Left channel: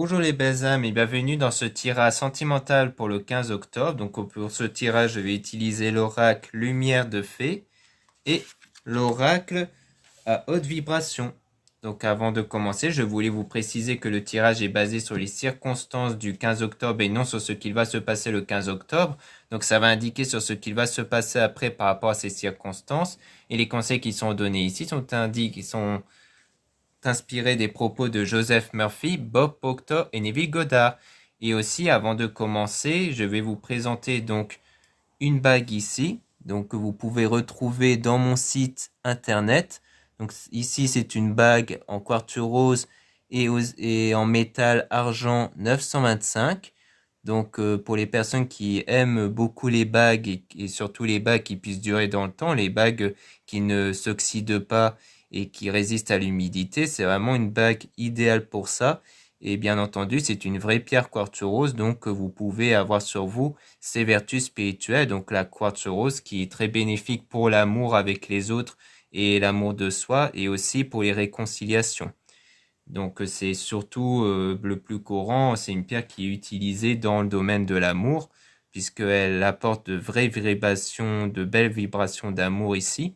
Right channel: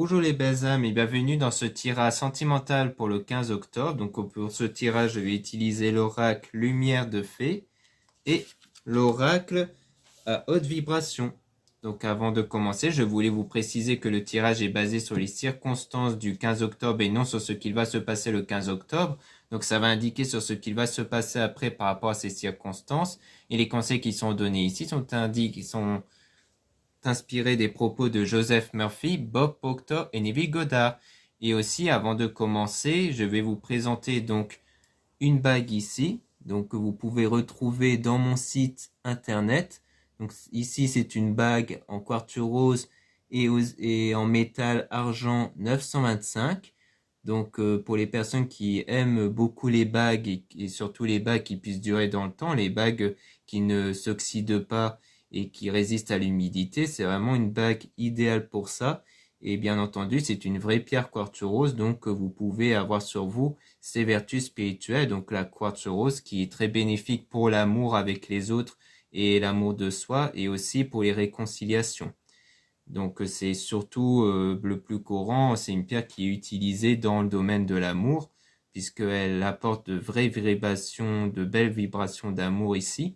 Bonjour les belles âmes et bienvenue dans ce tirage sentimental pour le 15 octobre. Donc pour ce tirage, je vais utiliser l'oracle Lumière de Fée et l'oracle à haute vibration. Donc avant de commencer, je voulais vous préciser que le tirage est basé sur les circonstances du 15 octobre et non sur ce qu'il va se passer le 15 octobre. Donc ça va indiquer sur ce qu'il va se passer après par rapport à ces circonstances. Et les conseils qui sont donnés ici sont inspiré des propos de Joseph Murphy, Bob Proctor et Neville Goddard. Et aussi, avant de commencer, je vais vous présenter donc une bague ici, donc que vous pouvez retrouver dans mon site internet. Donc ici, c'est une bague en quartz rose et en métal argent 925. Donc pour les personnes qui aiment beaucoup les bagues et surtout les bagues qui puissent durer dans le temps, les bagues qui ne s'oxydent pas et qui résistent à l'humidité, c'est vraiment une bague idéale pour ça. Et bien entendu, c'est une vraie pierre quartz rose, donc vous pouvez avoir sur vous ses vertus spirituelles. Donc la quartz rose qui est très bénéfique pour l'amour avec les autres et l'amour de soi et aussi pour les réconciliations. Donc c'est surtout le plus courant, c'est une pierre qui est utilisée dans le domaine de l'amour, puisqu'elle apporte de vraies vibrations, de belles vibrations d'amour ici.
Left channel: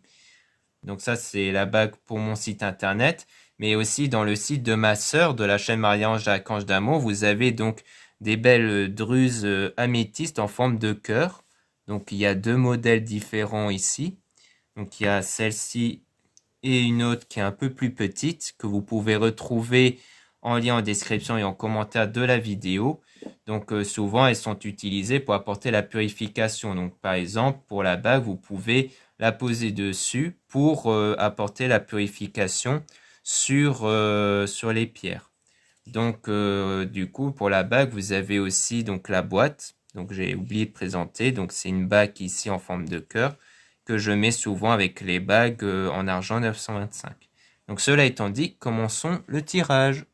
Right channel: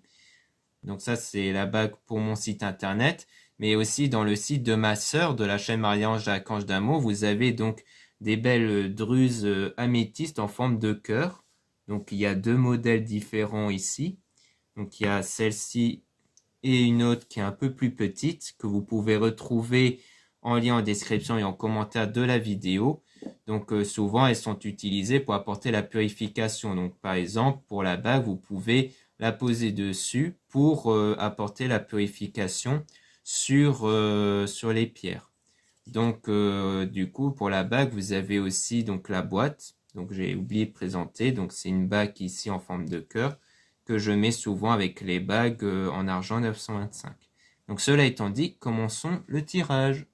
Donc ça, c'est la bague pour mon site internet, mais aussi dans le site de ma sœur de la chaîne Marie-Ange Archange d'Amour, vous avez donc des belles druses améthystes en forme de cœur. Donc il y a deux modèles différents ici. Donc il y a celle-ci et une autre qui est un peu plus petite que vous pouvez retrouver en lien en description et en commentaire de la vidéo. Donc souvent elles sont utilisées pour apporter la purification. Donc par exemple pour la bague vous pouvez la poser dessus pour apporter la purification sur les pierres. Donc du coup pour la bague vous avez aussi donc la boîte. Donc j'ai oublié de présenter. Donc c'est une bague ici en forme de cœur que je mets souvent avec les bagues en argent 925. Donc cela étant dit, commençons le tirage.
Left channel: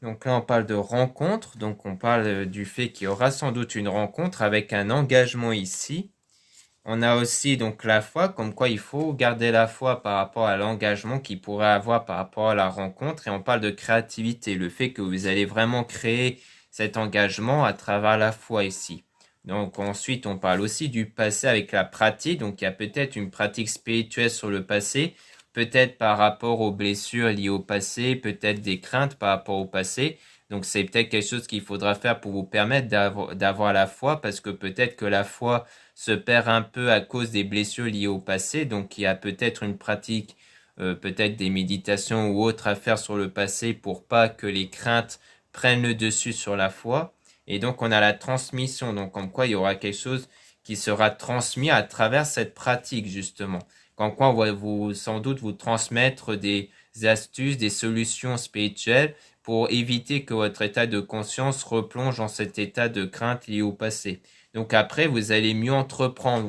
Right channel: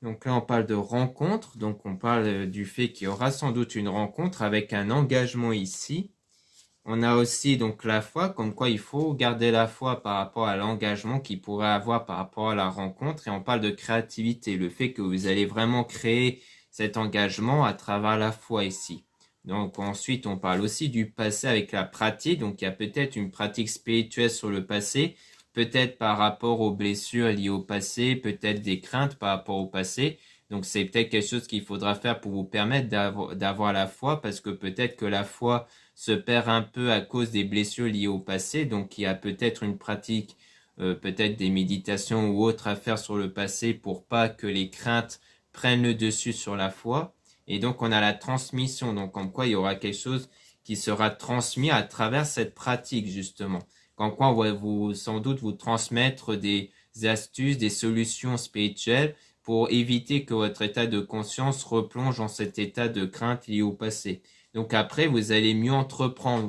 Donc là, on parle de rencontre. Donc on parle du fait qu'il y aura sans doute une rencontre avec un engagement ici. On a aussi donc la foi, comme quoi il faut garder la foi par rapport à l'engagement qu'il pourrait avoir par rapport à la rencontre. Et on parle de créativité, le fait que vous allez vraiment créer cet engagement à travers la foi ici. Donc ensuite, on parle aussi du passé avec la pratique. Donc il y a peut-être une pratique spirituelle sur le passé, peut-être par rapport aux blessures liées au passé, peut-être des craintes par rapport au passé. Donc c'est peut-être quelque chose qu'il faudra faire pour vous permettre d'avoir la foi, parce que peut-être que la foi se perd un peu à cause des blessures liées au passé. Donc il y a peut-être une pratique, peut-être des méditations ou autres à faire sur le passé pour pas que les craintes prennent le dessus sur la foi. Et donc on a la transmission, donc comme quoi il y aura quelque chose qui sera transmis à travers cette pratique justement. Comme quoi on va vous, sans doute vous transmettre des astuces, des solutions spirituelles pour éviter que votre état de conscience replonge dans cet état de crainte lié au passé. Donc après, vous allez mieux entreprendre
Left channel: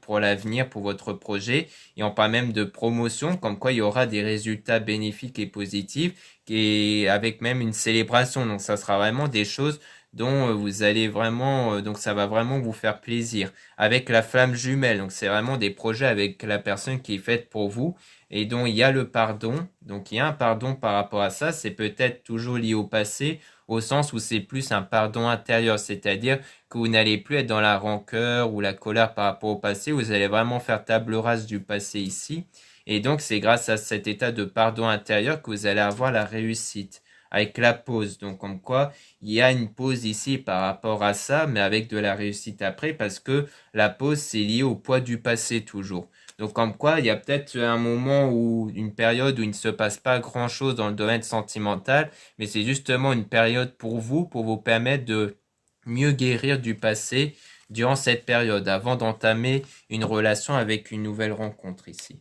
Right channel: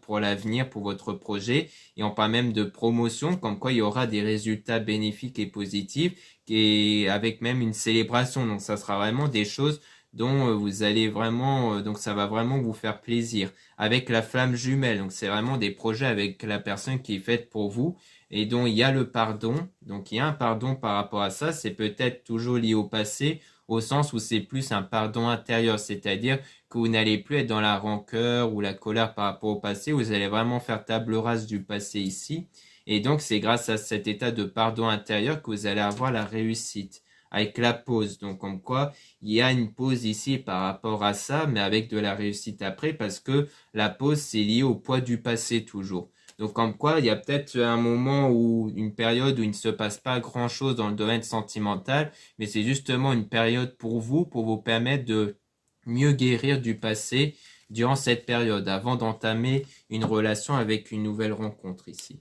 pour l'avenir, pour votre projet. Et on parle même de promotion, comme quoi il y aura des résultats bénéfiques et positifs, et avec même une célébration. Donc ça sera vraiment des choses dont vous allez vraiment, donc ça va vraiment vous faire plaisir. Avec la flamme jumelle, donc c'est vraiment des projets avec la personne qui est faite pour vous et dont il y a le pardon. Donc il y a un pardon par rapport à ça, c'est peut-être toujours lié au passé, au sens où c'est plus un pardon intérieur, c'est-à-dire que vous n'allez plus être dans la rancœur ou la colère par rapport au passé, vous allez vraiment faire table rase du passé ici. Et donc c'est grâce à cet état de pardon intérieur que vous allez avoir la réussite. avec la pause. Donc comme quoi, il y a une pause ici par rapport à ça, mais avec de la réussite après, parce que la pause, c'est lié au poids du passé toujours. Donc comme quoi, il y a peut-être un moment ou une période où il ne se passe pas grand-chose dans le domaine sentimental, mais c'est justement une période pour vous permettre de mieux guérir du passé durant cette période, avant d'entamer une relation avec une nouvelle rencontre ici.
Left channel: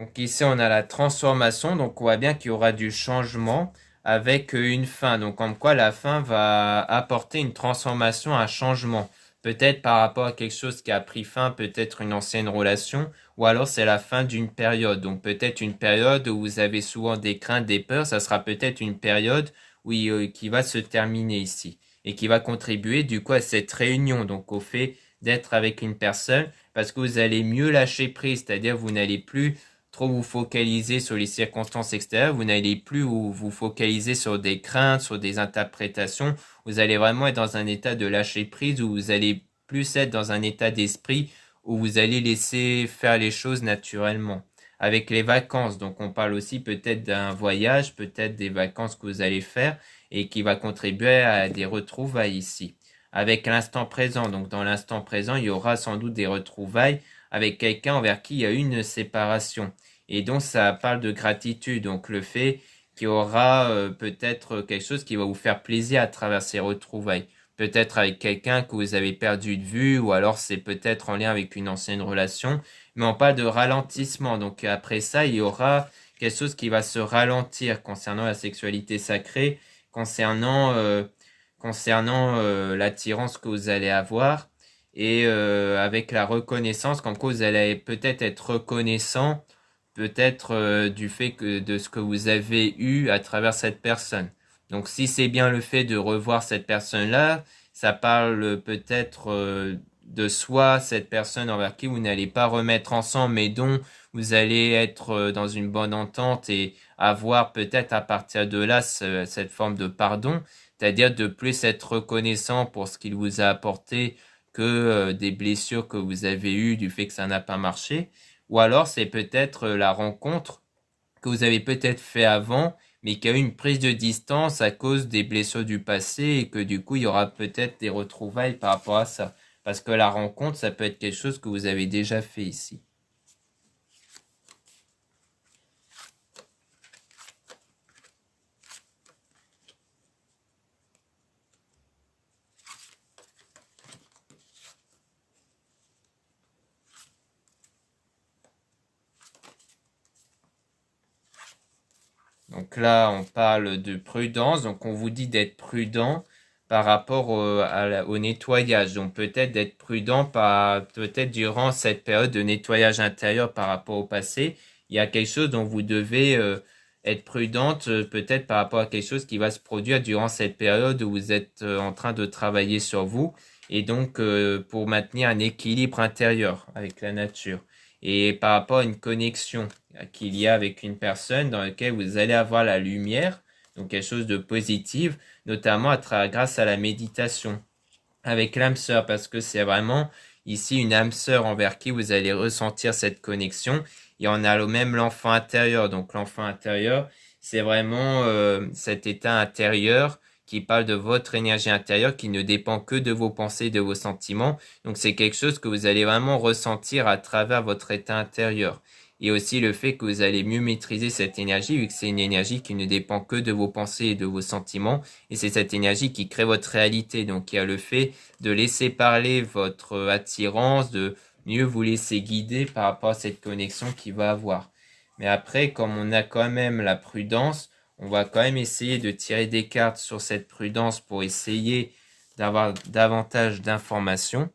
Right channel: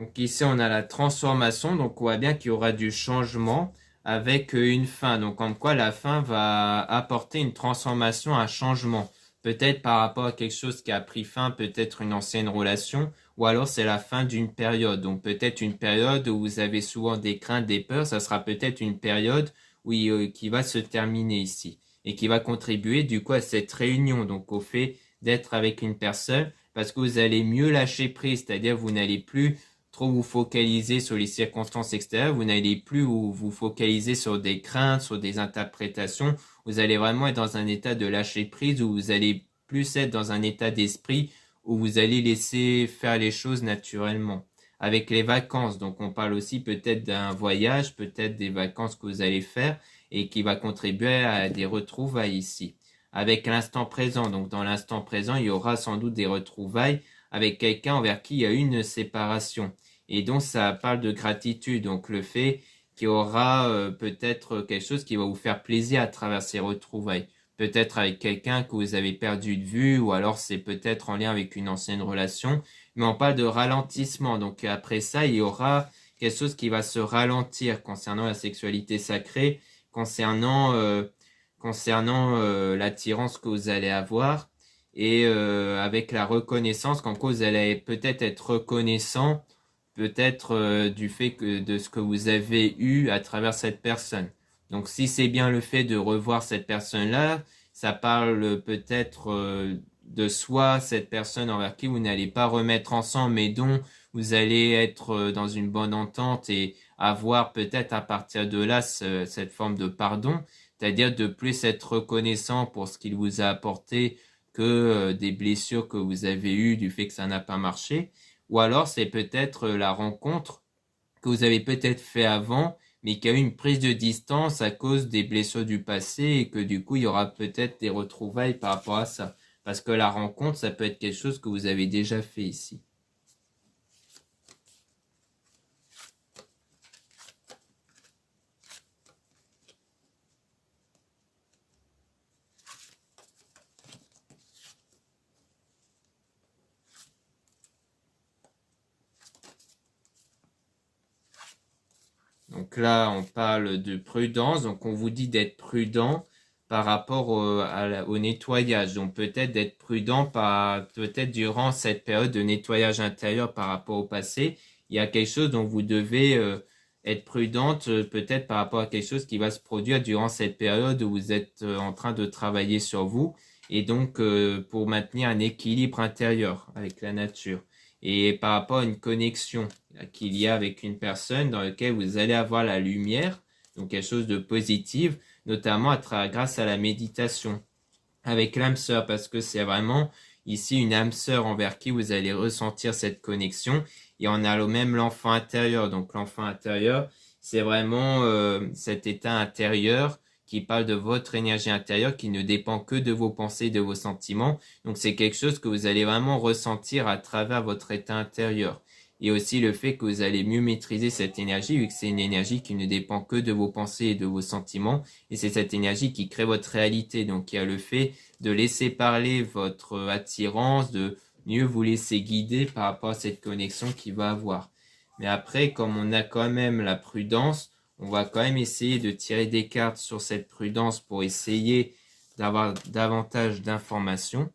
Donc ici, on a la transformation, donc on voit bien qu'il y aura du changement avec une fin. Donc comme quoi la fin va apporter une transformation, un changement. Peut-être par rapport à quelque chose qui a pris fin, peut-être une ancienne relation, ou alors c'est la fin d'une période. Donc peut-être une période où vous avez souvent des craintes, des peurs, ça sera peut-être une période qui va se terminer ici et qui va contribuer du coup à cette réunion, donc au fait d'être avec une personne parce que vous allez mieux lâcher prise, c'est-à-dire vous n'allez plus trop vous focaliser sur les circonstances extérieures, vous n'allez plus vous focaliser sur des craintes, sur des interprétations, vous allez vraiment être dans un état de lâcher prise où vous allez plus être dans un état d'esprit où vous allez laisser faire les choses naturellement. Avec les vacances, donc on parle aussi peut-être d'un voyage, peut-être des vacances que vous allez faire et qui va contribuer à des retrouvailles ici. Avec l'instant présent, donc dans l'instant présent, il y aura sans doute des retrouvailles avec quelqu'un envers qui il y a eu une séparation. Et donc ça parle de gratitude, donc le fait qu'il y aura peut-être quelque chose qui va vous faire plaisir à travers ces retrouvailles. Peut-être avec quelqu'un que vous avez perdu de vue, ou alors c'est peut-être en lien avec une ancienne relation. Mais on parle de ralentissement, donc après ça, il y aura quelque chose qui va se ralentir concernant la sexualité sacrée, concernant l'attirance que vous allez avoir et avec la reconnaissance qu'en cause elle allait peut-être être reconnaissant peut-être du fait que de ce que vous avez eu à travers cette personne. Donc si c'est bien le fait de revoir cette personne-là, ça parle peut-être de soi, cette personne envers qui vous n'allez pas remettre ensemble, mais dont vous allez être dans une bonne entente et avoir peut-être à partir de là cette forme de pardon, c'est-à-dire de plus être reconnaissant pour ce qu'il vous a apporté que des blessures que vous avez eues du fait que ça n'a pas marché. Ou alors c'est peut-être la rencontre que vous avez peut-être fait avant, mais qui a eu une prise de distance à cause des blessures du passé et que du coup il y aura peut-être des retrouvailles par rapport à ça. Parce que la rencontre, ça peut être quelque chose que vous avez déjà fait ici. Donc là, on parle de prudence. Donc on vous dit d'être prudent par rapport au nettoyage. Donc peut-être d'être prudent peut-être durant cette période de nettoyage intérieur par rapport au passé. Il y a quelque chose dont vous devez être prudente peut-être par rapport à quelque chose qui va se produire durant cette période où vous êtes en train de travailler sur vous. Et donc pour maintenir un équilibre intérieur avec la nature et par rapport à une connexion qu'il y a avec une personne dans laquelle vous allez avoir la lumière, donc quelque chose de positif, notamment grâce à la méditation avec l'âme sœur, parce que c'est vraiment ici une âme sœur envers qui vous allez ressentir cette connexion. Et on a même l'enfant intérieur. Donc l'enfant intérieur, c'est vraiment cet état intérieur qui parle de votre énergie intérieure qui ne dépend que de vos pensées, de vos sentiments. Donc c'est quelque chose que vous allez vraiment ressentir à travers votre état intérieur. Et aussi le fait que vous allez mieux maîtriser cette énergie, vu que c'est une énergie qui ne dépend que de vos pensées et de vos sentiments. Et c'est cette énergie qui crée votre réalité. Donc il y a le fait de laisser parler votre attirance, de mieux vous laisser guider par rapport à cette connexion qu'il va avoir. Mais après, comme on a quand même la prudence, on va quand même essayer de tirer des cartes sur cette prudence pour essayer d'avoir davantage d'informations.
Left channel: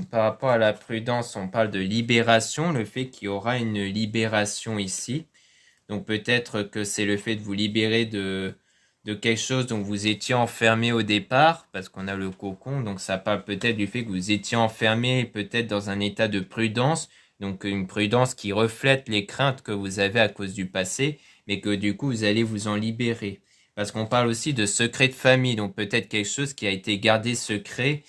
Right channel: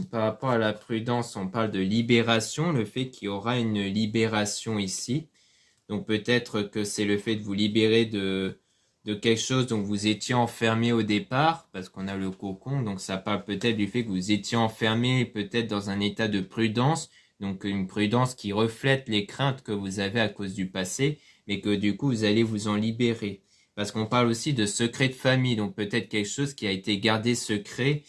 Donc, par rapport à la prudence, on parle de libération, le fait qu'il y aura une libération ici. Donc peut-être que c'est le fait de vous libérer de quelque chose dont vous étiez enfermé au départ, parce qu'on a le cocon, donc ça parle peut-être du fait que vous étiez enfermé peut-être dans un état de prudence, donc une prudence qui reflète les craintes que vous avez à cause du passé, mais que du coup vous allez vous en libérer. Parce qu'on parle aussi de secret de famille, donc peut-être quelque chose qui a été gardé secret,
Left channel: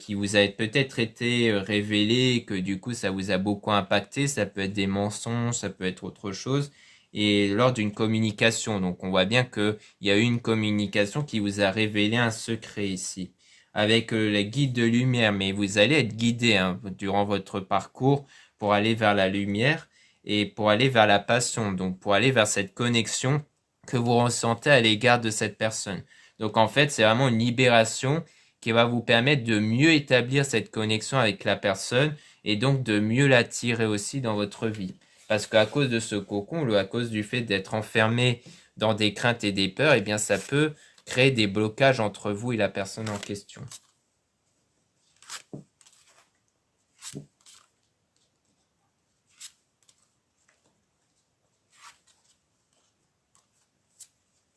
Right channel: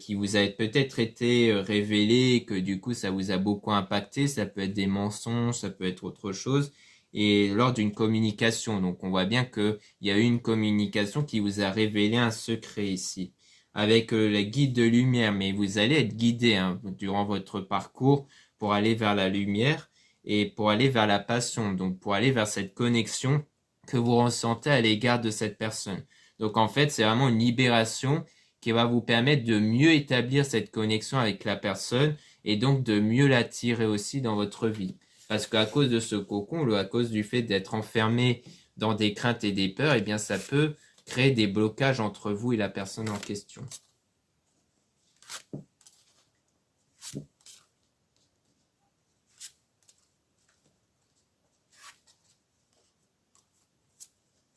qui vous a peut-être été révélé, et que du coup ça vous a beaucoup impacté, ça peut être des mensonges, ça peut être autre chose et lors d'une communication. Donc on voit bien qu'il y a eu une communication qui vous a révélé un secret ici, avec les guides de lumière, mais vous allez être guidé durant votre parcours pour aller vers la lumière et pour aller vers la passion, donc pour aller vers cette connexion que vous ressentez à l'égard de cette personne. Donc en fait, c'est vraiment une libération qui va vous permettre de mieux établir cette connexion avec la personne et donc de mieux l'attirer aussi dans votre vie. Parce qu'à cause de ce cocon, ou à cause du fait d'être enfermé dans des craintes et des peurs, eh bien ça peut créer des blocages entre vous et la personne en question.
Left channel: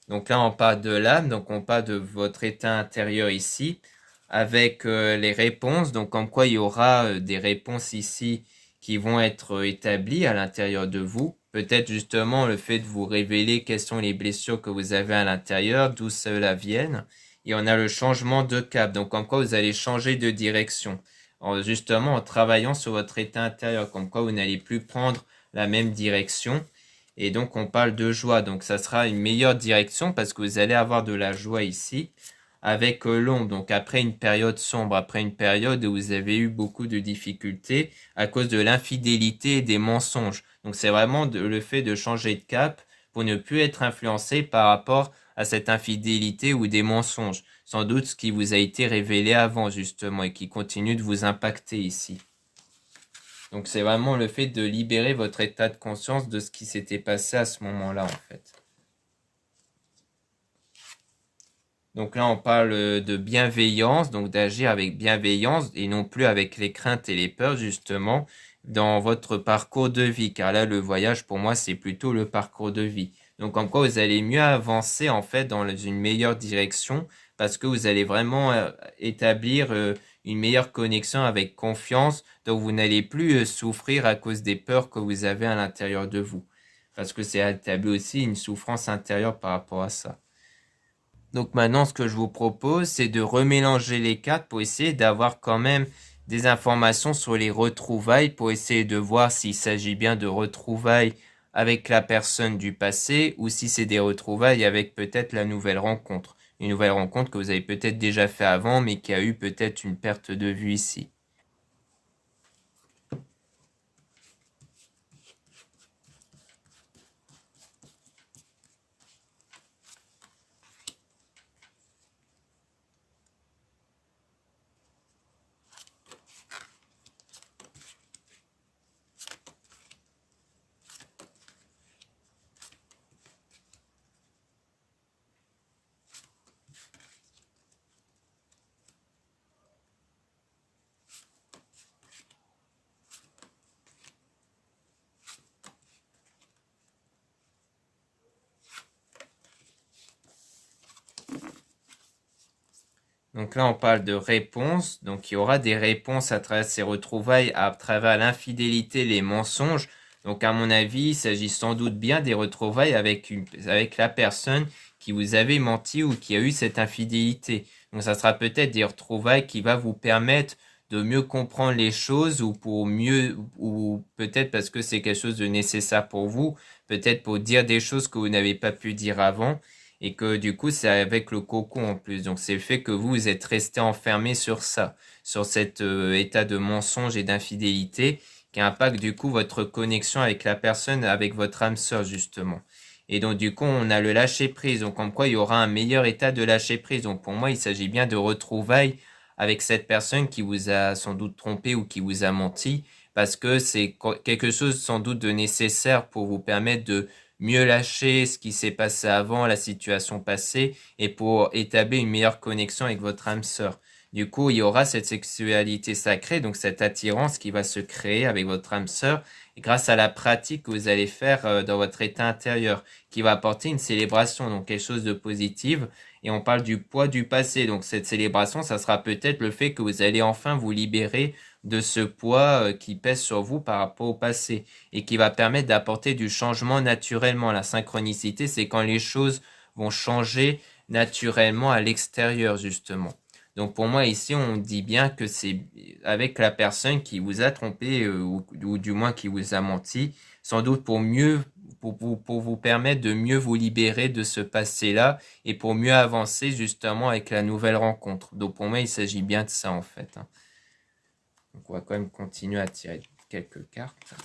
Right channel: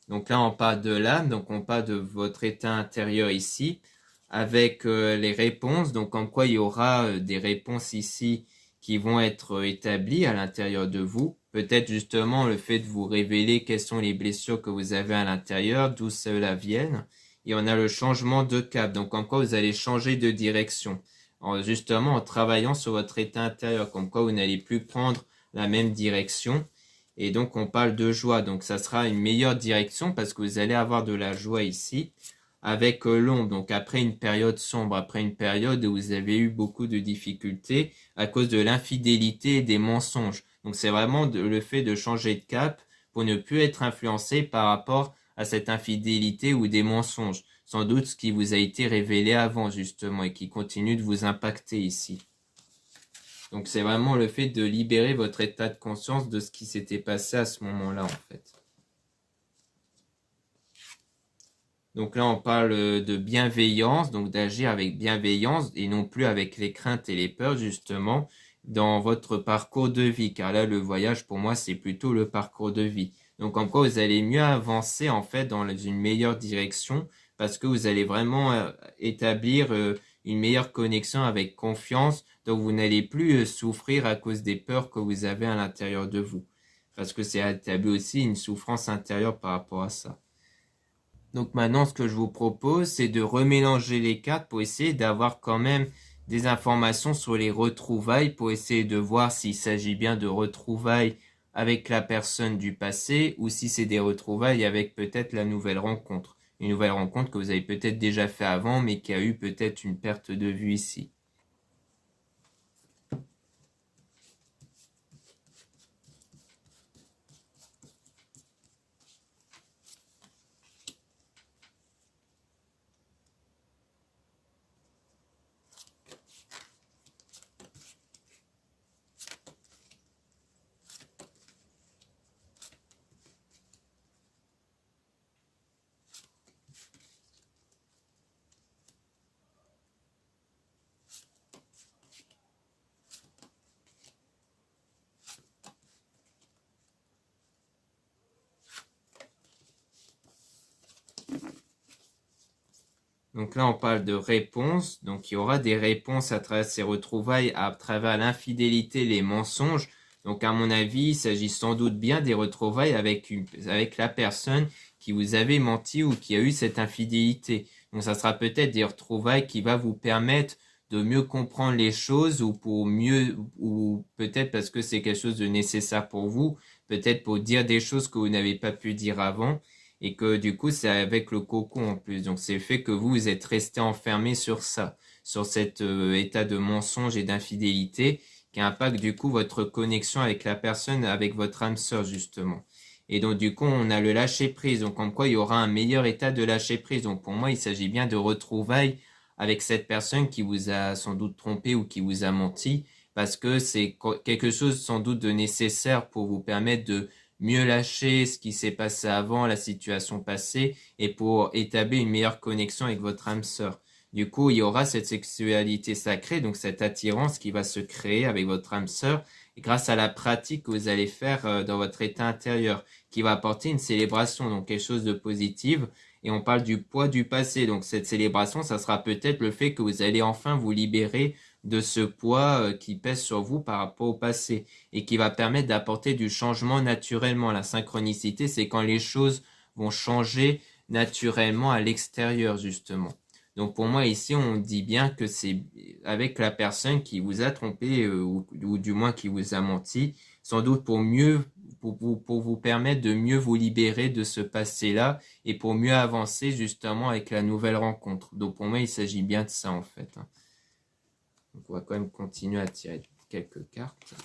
Donc là, on parle de l'âme, donc on parle de votre état intérieur ici, avec les réponses, donc comme quoi il y aura des réponses ici qui vont être établies à l'intérieur de vous. Peut-être justement le fait de vous révéler quelles sont les blessures que vous avez à l'intérieur, d'où cela viennent. Et on a le changement de cap, donc comme quoi vous allez changer de direction, justement en travaillant sur votre état intérieur, comme quoi vous n'allez plus prendre la même direction. Et donc on parle de joie, donc ça sera une meilleure direction parce que vous allez avoir de la joie ici avec l'ombre, donc après une période sombre, après une période où vous avez eu beaucoup de difficultés à cause de l'infidélité et des mensonges. Donc c'est vraiment le fait de changer de cap pour ne plus être influencé par rapport à cette infidélité ou des mensonges. Sans doute ce qui vous a été révélé avant justement et qui continue de vous impacter ici. Donc c'est vraiment le fait de libérer votre état de conscience de ce qui s'était passé à ce moment-là en fait. Donc là on parle de bienveillance, donc d'agir avec bienveillance et non plus avec les craintes et les peurs justement dans votre parcours de vie. Car là le voyage pour moi c'est plutôt le parcours de vie. Donc en quoi vous allez mieux avancer en fait dans une meilleure direction parce que vous allez vraiment établir une meilleure connexion avec confiance. Donc vous n'allez plus souffrir à cause des peurs que vous avez à l'intérieur de vous. Parce que c'est établi aussi une souffrance intérieure par rapport à ça. Donc maintenant, ce que je vous propose, c'est de remélanger les cartes pour essayer d'avoir quand même des informations sur les retrouvailles, pour essayer de voir s'il s'agit bien de retrouvailles avec la personne du passé ou si c'est des retrouvailles avec peut-être la nouvelle rencontre. Une nouvelle rencontre que vous avez peut-être déjà fait avant, mais qui a eu peut-être une perte de vue ici. Donc là, on parle de réponses. Donc il y aura des réponses à travers ces retrouvailles, à travers l'infidélité, les mensonges. Donc à mon avis, il s'agit sans doute bien des retrouvailles avec la personne qui vous avait menti ou qui a eu cette infidélité. Donc ça sera peut-être des retrouvailles qui va vous permettre de mieux comprendre les choses ou pour mieux, ou peut-être parce que c'est quelque chose de nécessaire pour vous, peut-être pour dire des choses que vous n'avez pas pu dire avant et que du coup c'est avec le cocon en plus. Donc c'est le fait que vous êtes resté enfermé sur ça, sur cet état de mensonge et d'infidélité qui impacte du coup votre connexion avec la personne, avec votre âme sœur justement. Et donc du coup on a le lâcher prise, donc comme quoi il y aura un meilleur état de lâcher prise. Donc pour moi il s'agit bien de retrouvailles avec cette personne qui vous a sans doute trompé ou qui vous a menti, parce que c'est quelque chose sans doute de nécessaire pour vous permettre de mieux lâcher ce qui s'est passé avant, la situation passée, et pour établir une meilleure connexion avec votre âme sœur. Du coup, il y aura cette sexualité sacrée, donc cette attirance qui va se créer avec votre âme sœur grâce à la pratique que vous allez faire dans votre état intérieur, qui va apporter une célébration, donc quelque chose de positif. Et on parle du poids du passé, donc cette célébration, ça sera peut-être le fait que vous allez enfin vous libérer de ce poids qui pèse sur vous par rapport au passé et qui va permettre d'apporter du changement naturellement. La synchronicité, c'est quand les choses vont changer naturellement à l'extérieur, justement. Donc pour moi ici on dit bien que c'est avec la personne qui vous a trompé ou du moins qui vous a menti, sans doute pour vous permettre de mieux vous libérer de ce passé-là et pour mieux avancer justement avec la nouvelle rencontre. Donc pour moi il s'agit bien de ça en fait, hein. Donc on va quand même continuer à tirer quelques cartes.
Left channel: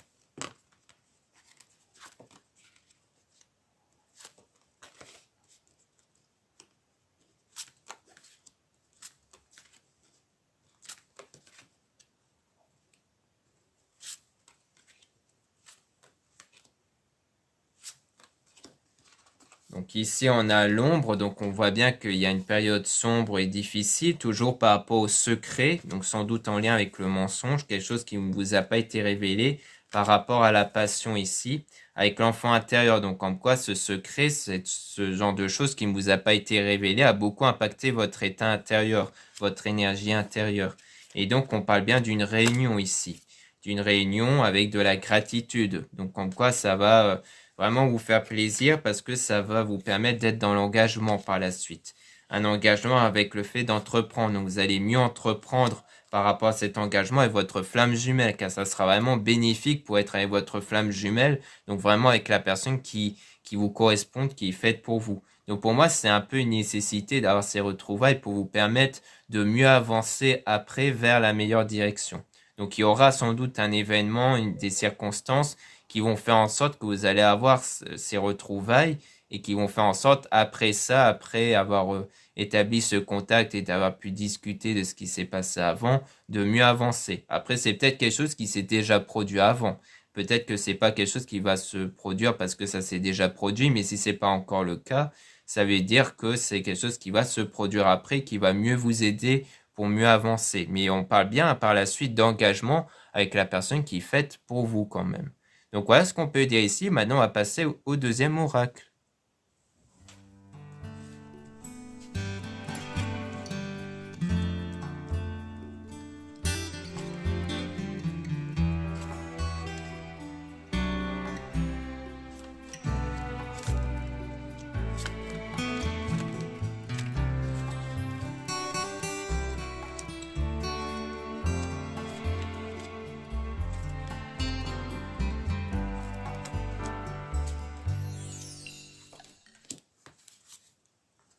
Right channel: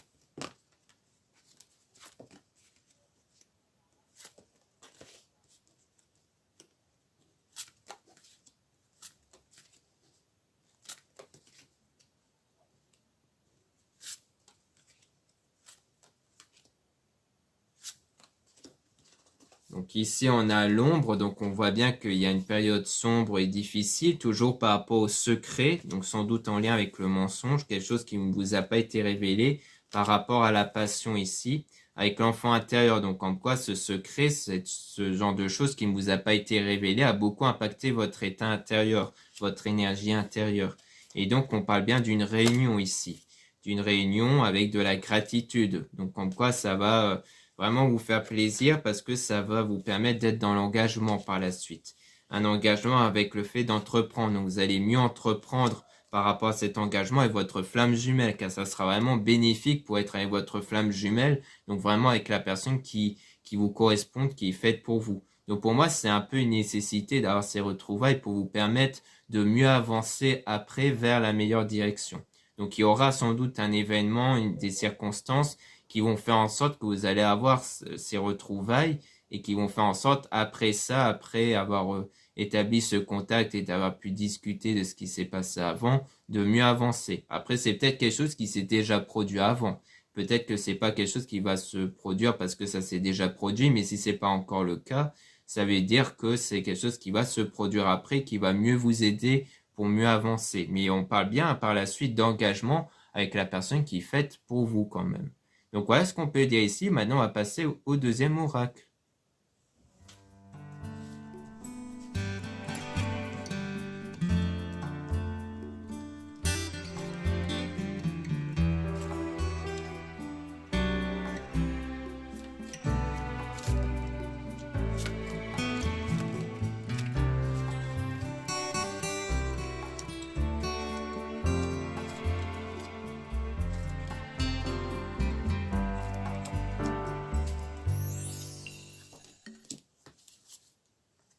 Donc ici, on a l'ombre, donc on voit bien qu'il y a une période sombre et difficile, toujours par rapport au secret, donc sans doute en lien avec le mensonge, quelque chose qui ne vous a pas été révélé par rapport à la passion ici, avec l'enfant intérieur. Donc en quoi ce secret, ce genre de choses qui ne vous a pas été révélé, a beaucoup impacté votre état intérieur, votre énergie intérieure. Et donc on parle bien d'une réunion ici, d'une réunion avec de la gratitude. Donc en quoi ça va vraiment vous faire plaisir parce que ça va vous permettre d'être dans l'engagement par la suite. Un engagement avec le fait d'entreprendre. Donc vous allez mieux entreprendre par rapport à cet engagement avec votre flamme jumelle, car ça sera vraiment bénéfique pour être avec votre flamme jumelle, donc vraiment avec la personne qui vous correspond, qui est faite pour vous. Donc pour moi, c'est un peu une nécessité d'avoir ces retrouvailles pour vous permettre de mieux avancer après vers la meilleure direction. Donc il y aura sans doute un événement, des circonstances qui vont faire en sorte que vous allez avoir ces retrouvailles et qui vont faire en sorte, après ça, après avoir établi ce contact et d'avoir pu discuter de ce qui s'est passé avant, de mieux avancer. Après, c'est peut-être quelque chose qui s'est déjà produit avant. Peut-être que c'est pas quelque chose qui va se produire parce que ça s'est déjà produit, mais si c'est pas encore le cas, ça veut dire que c'est quelque chose qui va se produire après, qui va mieux vous aider pour mieux avancer. Mais on parle bien par la suite d'engagement avec la personne qui est faite pour vous quand même. Donc voilà ce qu'on peut dire ici. Maintenant, on va passer au deuxième oracle.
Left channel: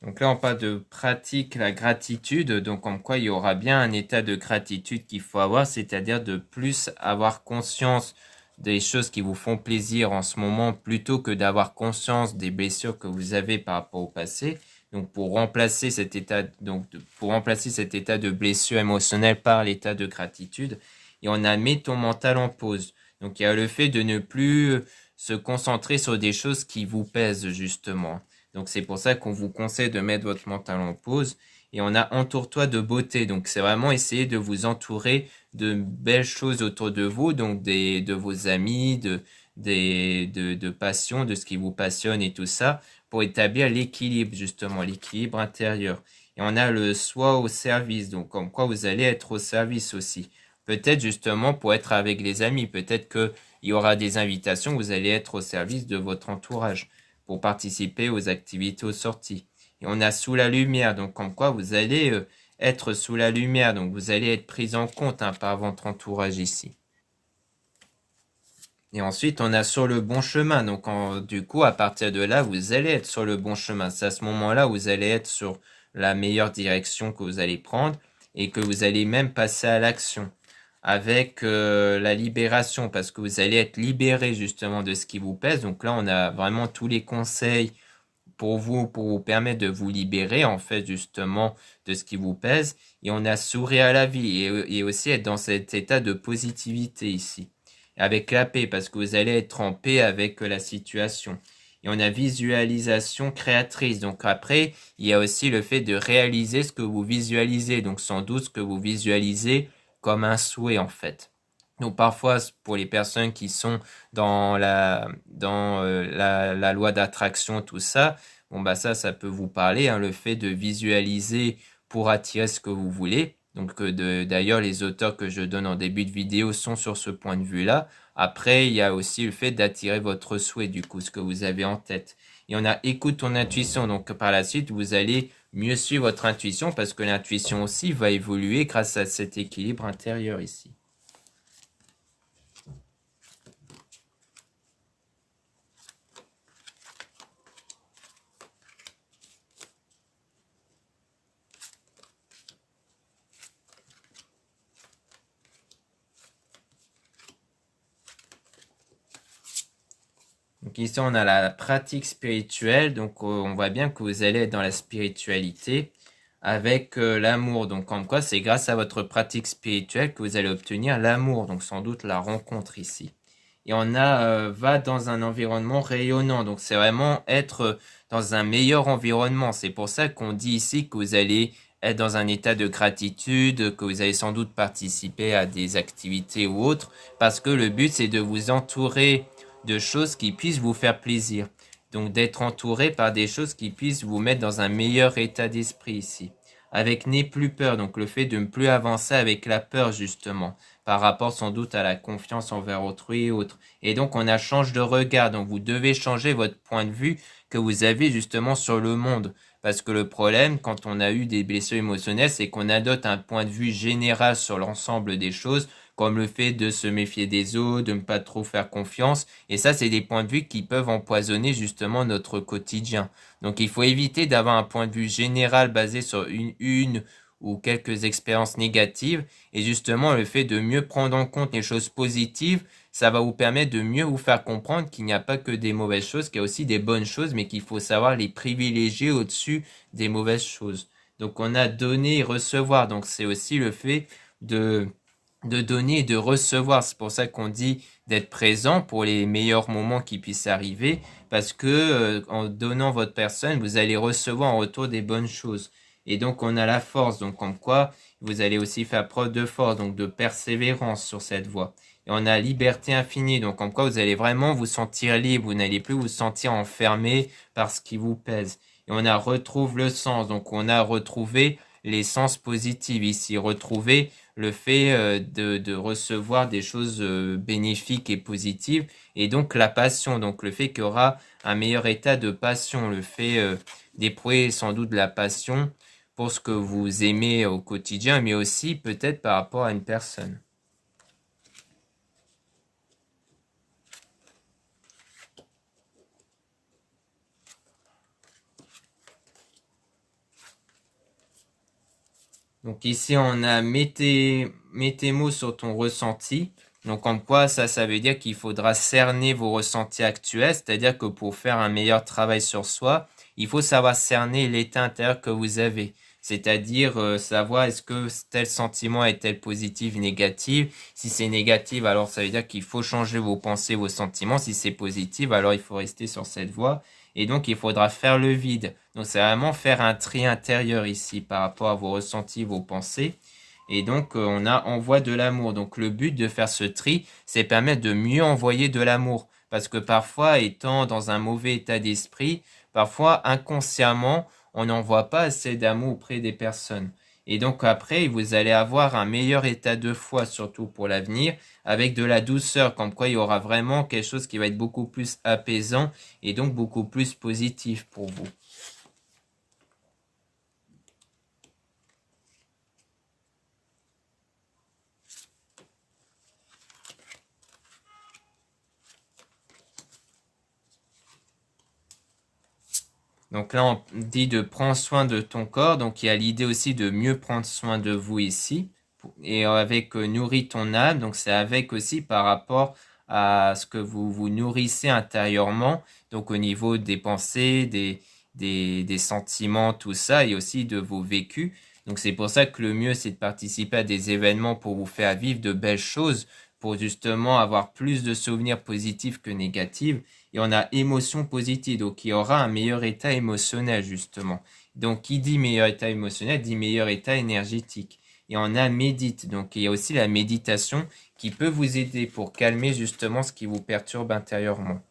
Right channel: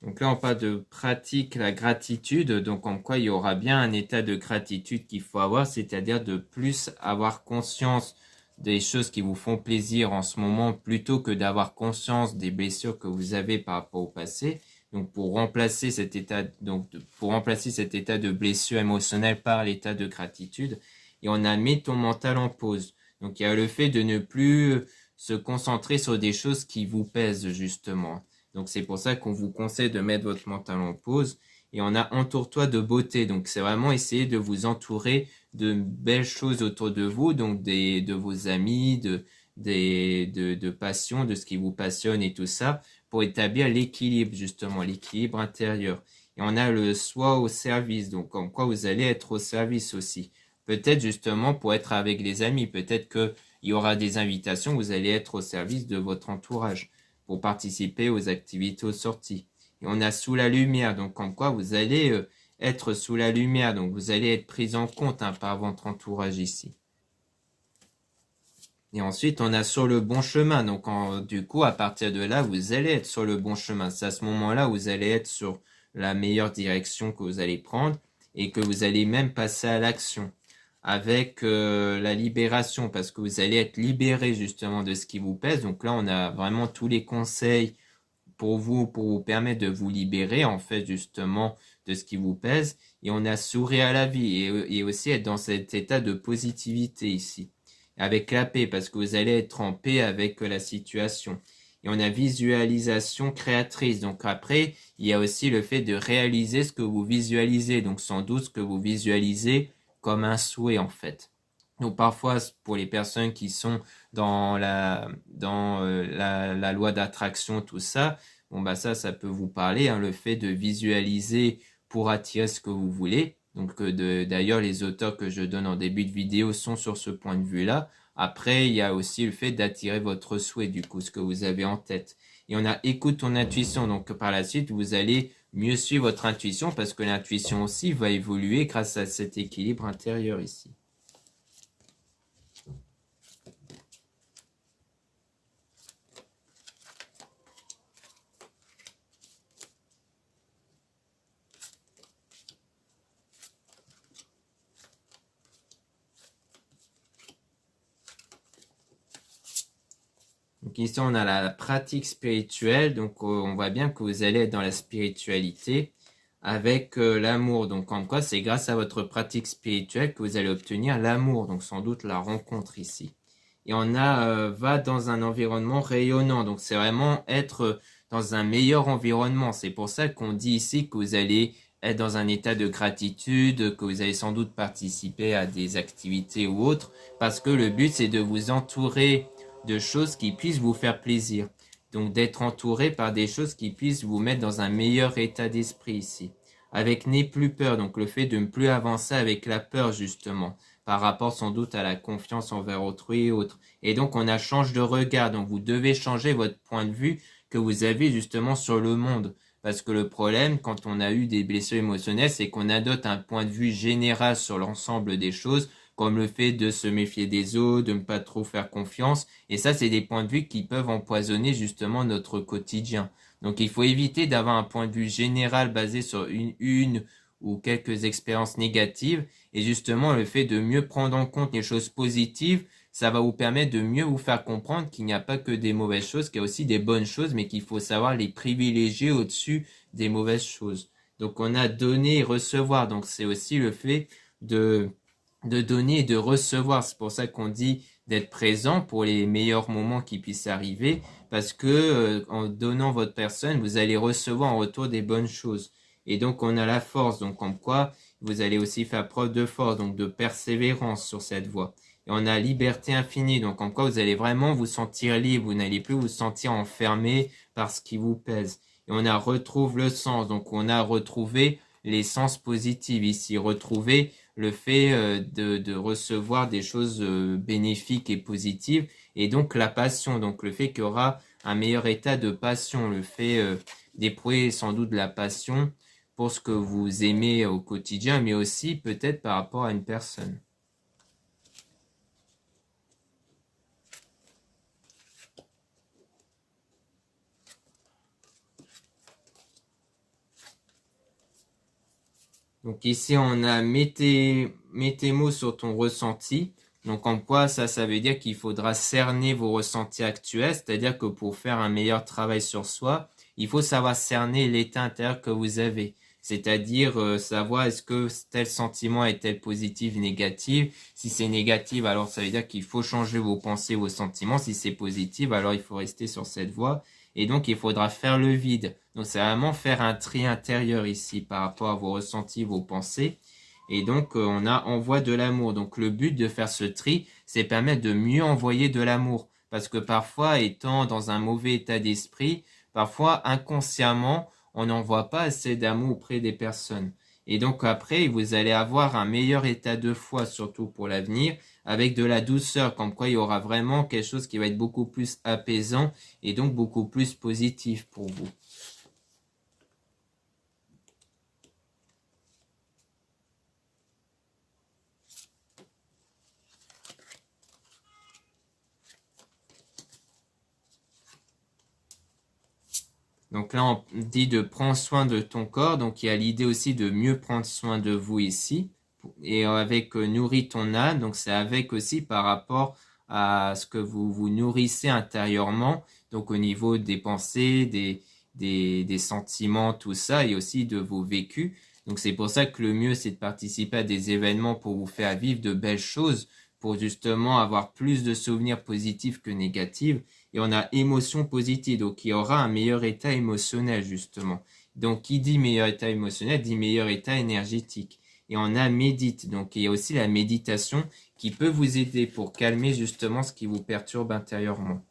Donc là, on parle de pratique la gratitude, donc en quoi il y aura bien un état de gratitude qu'il faut avoir, c'est-à-dire de plus avoir conscience des choses qui vous font plaisir en ce moment, plutôt que d'avoir conscience des blessures que vous avez par rapport au passé. Donc pour remplacer cet état, pour remplacer cet état de blessure émotionnelle par l'état de gratitude, et on a mis ton mental en pause. Donc il y a le fait de ne plus se concentrer sur des choses qui vous pèsent justement. Donc c'est pour ça qu'on vous conseille de mettre votre mental en pause. Et on a entoure-toi de beauté. Donc c'est vraiment essayer de vous entourer de belles choses autour de vous, donc de vos amis, de passion, de ce qui vous passionne et tout ça, pour établir l'équilibre justement, l'équilibre intérieur. Et on a le soi au service, donc comme quoi vous allez être au service aussi. Peut-être justement pour être avec les amis, peut-être qu'il y aura des invitations, vous allez être au service de votre entourage pour participer aux activités aux sorties. Et on a sous la lumière, donc comme quoi vous allez être sous la lumière, donc vous allez être pris en compte par votre entourage ici. Et ensuite, on a sur le bon chemin, donc du coup, à partir de là, vous allez être sur le bon chemin. C'est à ce moment-là où vous allez être sur la meilleure direction que vous allez prendre et que vous allez même passer à l'action avec la libération parce que vous allez être libéré justement de ce qui vous pèse. Donc là, on a vraiment tous les conseils pour vous permettre de vous libérer en fait justement de ce qui vous pèse. Et on a sourire à la vie et aussi être dans cet état de positivité ici. Avec la paix parce que vous allez être en paix avec la situation. Et on a visualisation créatrice. Donc après, il y a aussi le fait de réaliser ce que vous visualisez. Donc sans doute ce que vous visualisez comme un souhait en fait. Donc parfois, pour les personnes qui sont dans la loi d'attraction, tout ça, bon bah ça peut vous parler, hein, le fait de visualiser pour attirer ce que vous voulez. Donc d'ailleurs, les auteurs que je donne en début de vidéo sont sur ce point de vue-là. Après, il y a aussi le fait d'attirer votre souhait, du coup, ce que vous avez en tête. Et on a écoute ton intuition. Donc par la suite, vous allez mieux suivre votre intuition parce que l'intuition aussi va évoluer grâce à cet équilibre intérieur ici. Donc ici, on a la pratique spirituelle. Donc on voit bien que vous allez être dans la spiritualité avec l'amour. Donc comme quoi, c'est grâce à votre pratique spirituelle que vous allez obtenir l'amour. Donc sans doute la rencontre ici. Et on a va dans un environnement rayonnant. Donc c'est vraiment être dans un meilleur environnement. C'est pour ça qu'on dit ici que vous allez être dans un état de gratitude, que vous allez sans doute participer à des activités ou autres, parce que le but c'est de vous entourer de choses qui puissent vous faire plaisir. Donc d'être entouré par des choses qui puissent vous mettre dans un meilleur état d'esprit ici. Avec n'aie plus peur, donc le fait de ne plus avancer avec la peur justement, par rapport sans doute à la confiance envers autrui et autres. Et donc on a change de regard, donc vous devez changer votre point de vue que vous avez justement sur le monde. Parce que le problème, quand on a eu des blessures émotionnelles, c'est qu'on adopte un point de vue général sur l'ensemble des choses, comme le fait de se méfier des autres, de ne pas trop faire confiance. Et ça, c'est des points de vue qui peuvent empoisonner justement notre quotidien. Donc il faut éviter d'avoir un point de vue général basé sur une ou quelques expériences négatives. Et justement, le fait de mieux prendre en compte les choses positives, ça va vous permettre de mieux vous faire comprendre qu'il n'y a pas que des mauvaises choses, qu'il y a aussi des bonnes choses, mais qu'il faut savoir les privilégier au-dessus des mauvaises choses. Donc on a donner et recevoir. Donc c'est aussi le fait de donner et de recevoir. C'est pour ça qu'on dit d'être présent pour les meilleurs moments qui puissent arriver, parce que en donnant votre personne, vous allez recevoir en retour des bonnes choses. Et donc on a la force, donc comme quoi vous allez aussi faire preuve de force, donc de persévérance sur cette voie. Et on a liberté infinie, donc comme quoi vous allez vraiment vous sentir libre, vous n'allez plus vous sentir enfermé par ce qui vous pèse. Et on a retrouve le sens, donc on a retrouvé les sens positifs ici, retrouver le fait de recevoir des choses bénéfiques et positives, et donc la passion, donc le fait qu'il y aura un meilleur état de passion, le fait d'éprouver sans doute de la passion pour ce que vous aimez au quotidien, mais aussi peut-être par rapport à une personne. Donc ici, on a mets tes mots sur ton ressenti. Donc en quoi ça veut dire qu'il faudra cerner vos ressentis actuels, c'est-à-dire que pour faire un meilleur travail sur soi, il faut savoir cerner l'état intérieur que vous avez. C'est-à-dire savoir est-ce que tel sentiment est-elle positif, négatif. Si c'est négatif, alors ça veut dire qu'il faut changer vos pensées, vos sentiments. Si c'est positif, alors il faut rester sur cette voie. Et donc, il faudra faire le vide. Donc, c'est vraiment faire un tri intérieur ici par rapport à vos ressentis, vos pensées. Et donc, on a envoie de l'amour. Donc, le but de faire ce tri, c'est permettre de mieux envoyer de l'amour. Parce que parfois, étant dans un mauvais état d'esprit, parfois, inconsciemment, on n'envoie pas assez d'amour auprès des personnes. Et donc, après, vous allez avoir un meilleur état de foi, surtout pour l'avenir, avec de la douceur, comme quoi il y aura vraiment quelque chose qui va être beaucoup plus apaisant et donc beaucoup plus positif pour vous. Donc là, on dit de prendre soin de ton corps. Donc il y a l'idée aussi de mieux prendre soin de vous ici. Et avec nourris ton âme. Donc c'est avec aussi par rapport à ce que vous vous nourrissez intérieurement. Donc au niveau des pensées, des sentiments, tout ça, et aussi de vos vécus. Donc c'est pour ça que le mieux, c'est de participer à des événements pour vous faire vivre de belles choses, pour justement avoir plus de souvenirs positifs que négatifs. Et on a émotion positive, donc il y aura un meilleur état émotionnel justement. Donc qui dit meilleur état émotionnel dit meilleur état énergétique. Et on a médite, donc il y a aussi la méditation qui peut vous aider pour calmer justement ce qui vous perturbe intérieurement.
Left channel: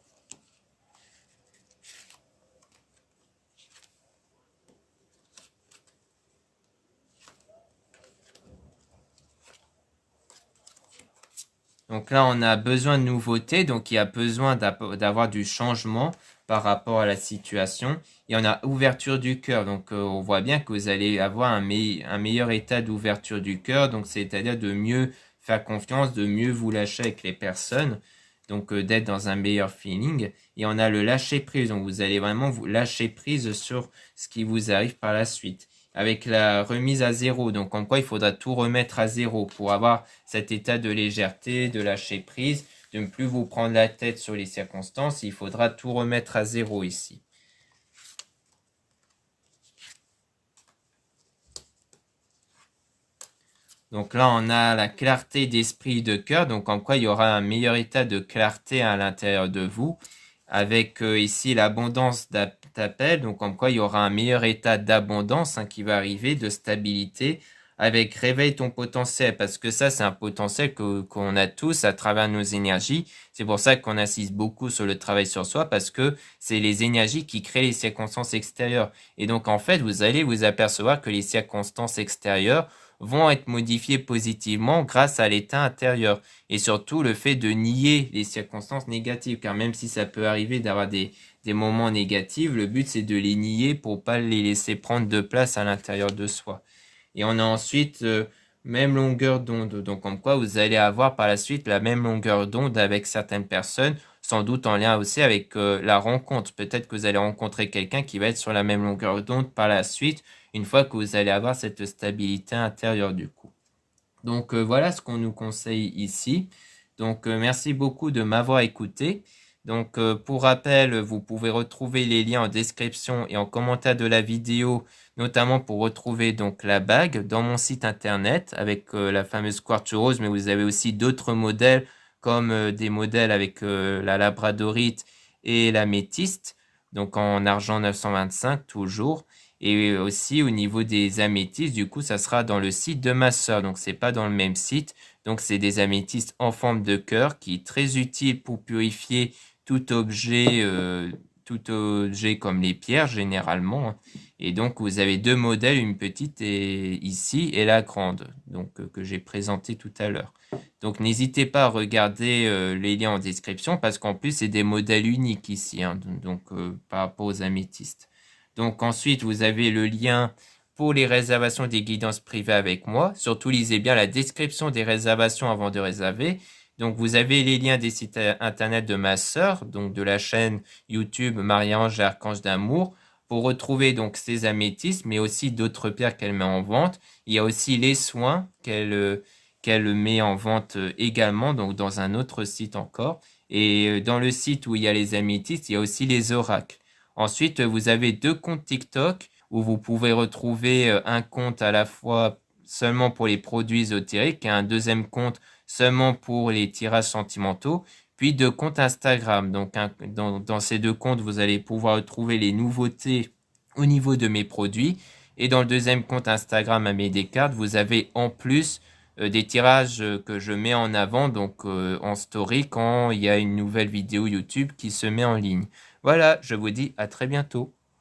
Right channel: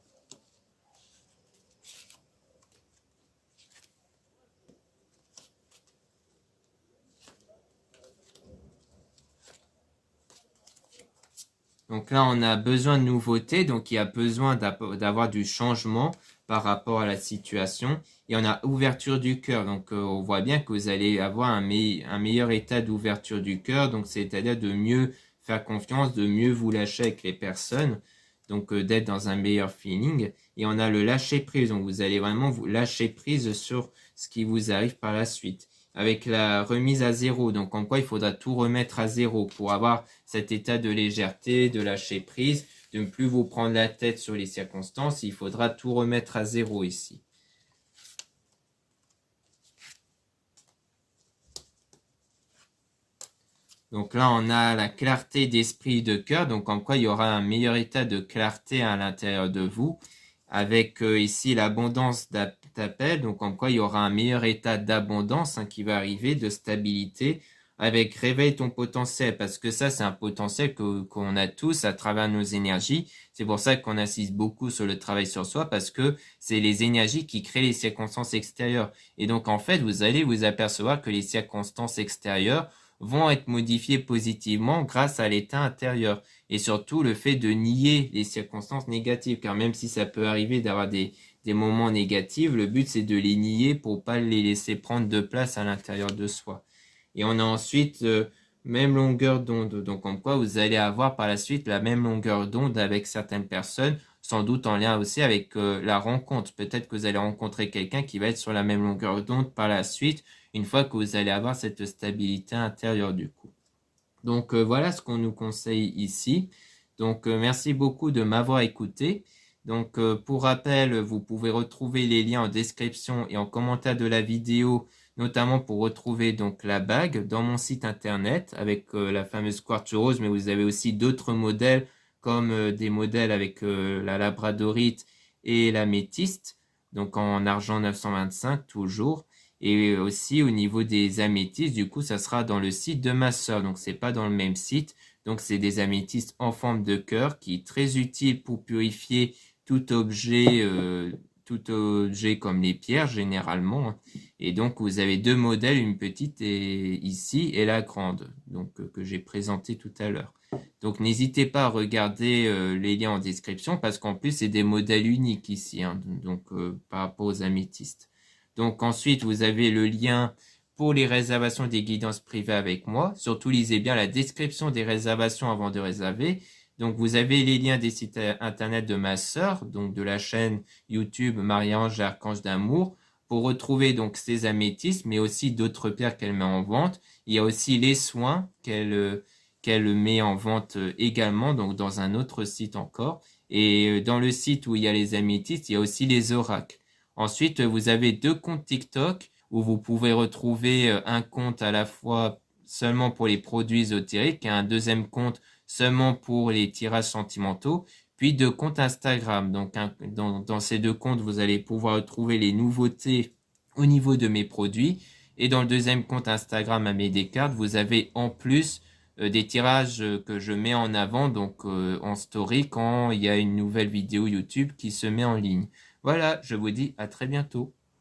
Donc là, on a besoin de nouveautés, donc il y a besoin d'avoir du changement par rapport à la situation. Et on a ouverture du cœur, donc on voit bien que vous allez avoir un meilleur état d'ouverture du cœur, donc c'est-à-dire de mieux faire confiance, de mieux vous lâcher avec les personnes, donc d'être dans un meilleur feeling. Et on a le lâcher prise, donc vous allez vraiment vous lâcher prise sur ce qui vous arrive par la suite avec la remise à zéro. Donc, en quoi il faudra tout remettre à zéro pour avoir cet état de légèreté, de lâcher prise, de ne plus vous prendre la tête sur les circonstances. Il faudra tout remettre à zéro ici. Donc là, on a la clarté d'esprit et de cœur. Donc, en quoi il y aura un meilleur état de clarté à l'intérieur de vous. Avec ici l'abondance d'appel. Donc, en quoi il y aura un meilleur état d'abondance qui va arriver, de stabilité. Avec réveille ton potentiel. Parce que ça, c'est un potentiel qu'on a tous à travers nos énergies. C'est pour ça qu'on insiste beaucoup sur le travail sur soi. Parce que c'est les énergies qui créent les circonstances extérieures. Et donc, en fait, vous allez vous apercevoir que les circonstances extérieures vont être modifiées positivement grâce à l'état intérieur. Et surtout le fait de nier les circonstances négatives, car même si ça peut arriver d'avoir des moments négatifs, le but c'est de les nier pour pas les laisser prendre de place à l'intérieur de soi. Et on a ensuite même longueur d'onde, donc en quoi vous allez avoir par la suite la même longueur d'onde avec certaines personnes, sans doute en lien aussi avec la rencontre. Peut-être que vous allez rencontrer quelqu'un qui va être sur la même longueur d'onde par la suite, une fois que vous allez avoir cette stabilité intérieure du coup. Donc voilà ce qu'on nous conseille ici. Donc merci beaucoup de m'avoir écouté. Donc pour rappel, vous pouvez retrouver les liens en description et en commentaire de la vidéo, notamment pour retrouver donc la bague dans mon site internet avec la fameuse quartz rose, mais vous avez aussi d'autres modèles comme des modèles avec la labradorite et la métiste, donc en argent 925 toujours. Et aussi au niveau des améthystes, du coup, ça sera dans le site de ma sœur. Donc, c'est pas dans le même site. Donc, c'est des améthystes en forme de cœur qui est très utile pour purifier tout objet comme les pierres généralement. Et donc, vous avez deux modèles, une petite ici et la grande, donc que j'ai présenté tout à l'heure. Donc, n'hésitez pas à regarder les liens en description parce qu'en plus, c'est des modèles uniques ici, donc par rapport aux améthystes. Donc ensuite, vous avez le lien pour les réservations des guidances privées avec moi. Surtout, lisez bien la description des réservations avant de réserver. Donc vous avez les liens des sites internet de ma sœur, donc de la chaîne YouTube Marie-Ange et Archange d'amour, pour retrouver donc ces améthystes, mais aussi d'autres pierres qu'elle met en vente. Il y a aussi les soins qu'elle met en vente également, donc dans un autre site encore. Et dans le site où il y a les améthystes, il y a aussi les oracles. Ensuite, vous avez deux comptes TikTok où vous pouvez retrouver un compte à la fois seulement pour les produits ésotériques et un deuxième compte seulement pour les tirages sentimentaux, puis deux comptes Instagram. Donc, dans ces deux comptes, vous allez pouvoir retrouver les nouveautés au niveau de mes produits. Et dans le deuxième compte Instagram à mes Descartes, vous avez en plus des tirages que je mets en avant, donc en story quand il y a une nouvelle vidéo YouTube qui se met en ligne. Voilà, je vous dis à très bientôt.